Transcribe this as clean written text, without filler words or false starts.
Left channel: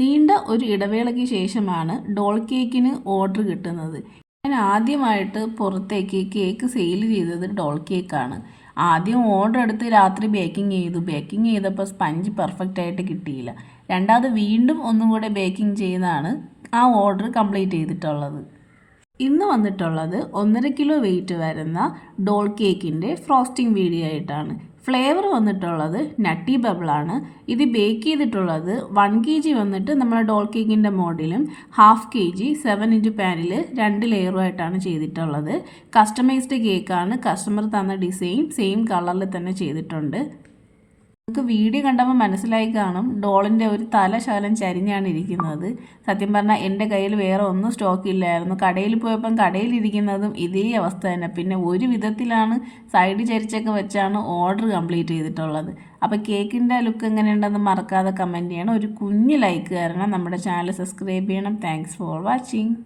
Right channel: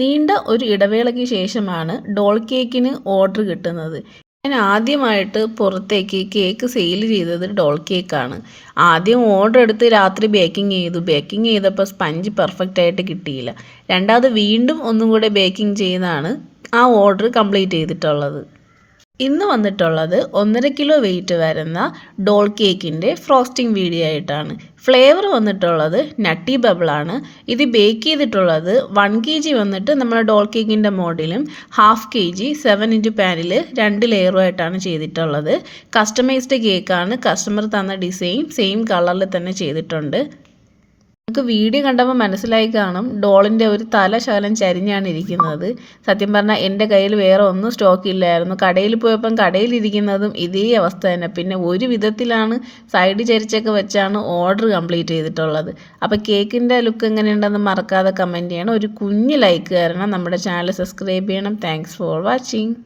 നീണ്ട ഒരു ഇടവേളയ്ക്ക് ശേഷമാണ് ഡോൾ കേക്കിന് ഓർഡർ കിട്ടുന്നത്. ഞാൻ ആദ്യമായിട്ട് പുറത്തേക്ക് കേക്ക് സെയിൽ ചെയ്തത് ഡോൾ കേക്കാണ്. ആദ്യം ഓർഡർ എടുത്ത് രാത്രി ബേക്കിംഗ് ചെയ്തപ്പോൾ സ്പഞ്ച് പെർഫെക്റ്റ് ആയിട്ട് കിട്ടിയില്ല. രണ്ടാമത് വീണ്ടും ഒന്നും കൂടെ ബേക്കിംഗ് ചെയ്താണ് ആ ഓർഡർ കംപ്ലീറ്റ് ചെയ്തിട്ടുള്ളത്. ഇന്ന് വന്നിട്ടുള്ളത് 1.5 കിലോ വെയിറ്റ് വരുന്ന ഡോൾ കേക്കിൻ്റെ ഫ്രോസ്റ്റിംഗ് വീഡിയോ ആയിട്ടാണ്. ഫ്ലേവർ വന്നിട്ടുള്ളത് നട്ടി ബബിളാണ്. ഇത് ബേക്ക് ചെയ്തിട്ടുള്ളത് 1 kg വന്നിട്ട് നമ്മുടെ ഡോൾ കേക്കിൻ്റെ മോഡലും 1/2 kg 7-inch പാനിൽ 2 ലെയറുമായിട്ടാണ് ചെയ്തിട്ടുള്ളത്. കസ്റ്റമൈസ്ഡ് കേക്കാണ്. കസ്റ്റമർ തന്ന ഡിസൈൻ സെയിം കളറിൽ തന്നെ ചെയ്തിട്ടുണ്ട്. നമുക്ക് വീഡിയോ കണ്ടപ്പോൾ മനസ്സിലായി കാണും ഡോളിൻ്റെ ഒരു തല ശകലം ചരിഞ്ഞാണ് ഇരിക്കുന്നത്. സത്യം പറഞ്ഞാൽ എൻ്റെ കയ്യിൽ വേറെ ഒന്നും സ്റ്റോക്ക് ഇല്ലായിരുന്നു. കടയിൽ പോയപ്പം കടയിലിരിക്കുന്നതും ഇതേ അവസ്ഥ തന്നെ. പിന്നെ ഒരു വിധത്തിലാണ് സൈഡ് ചരിച്ചൊക്കെ വെച്ചാണ് ഓർഡർ കംപ്ലീറ്റ് ചെയ്തിട്ടുള്ളത്. അപ്പോൾ കേക്കിൻ്റെ ലുക്ക് എങ്ങനെയുണ്ടെന്ന് മറക്കാതെ കമൻറ്റ് ചെയ്യണം. ഒരു കുഞ്ഞ് ലൈക്ക് തരണം. നമ്മുടെ ചാനൽ സബ്സ്ക്രൈബ് ചെയ്യണം. Thanks for watching.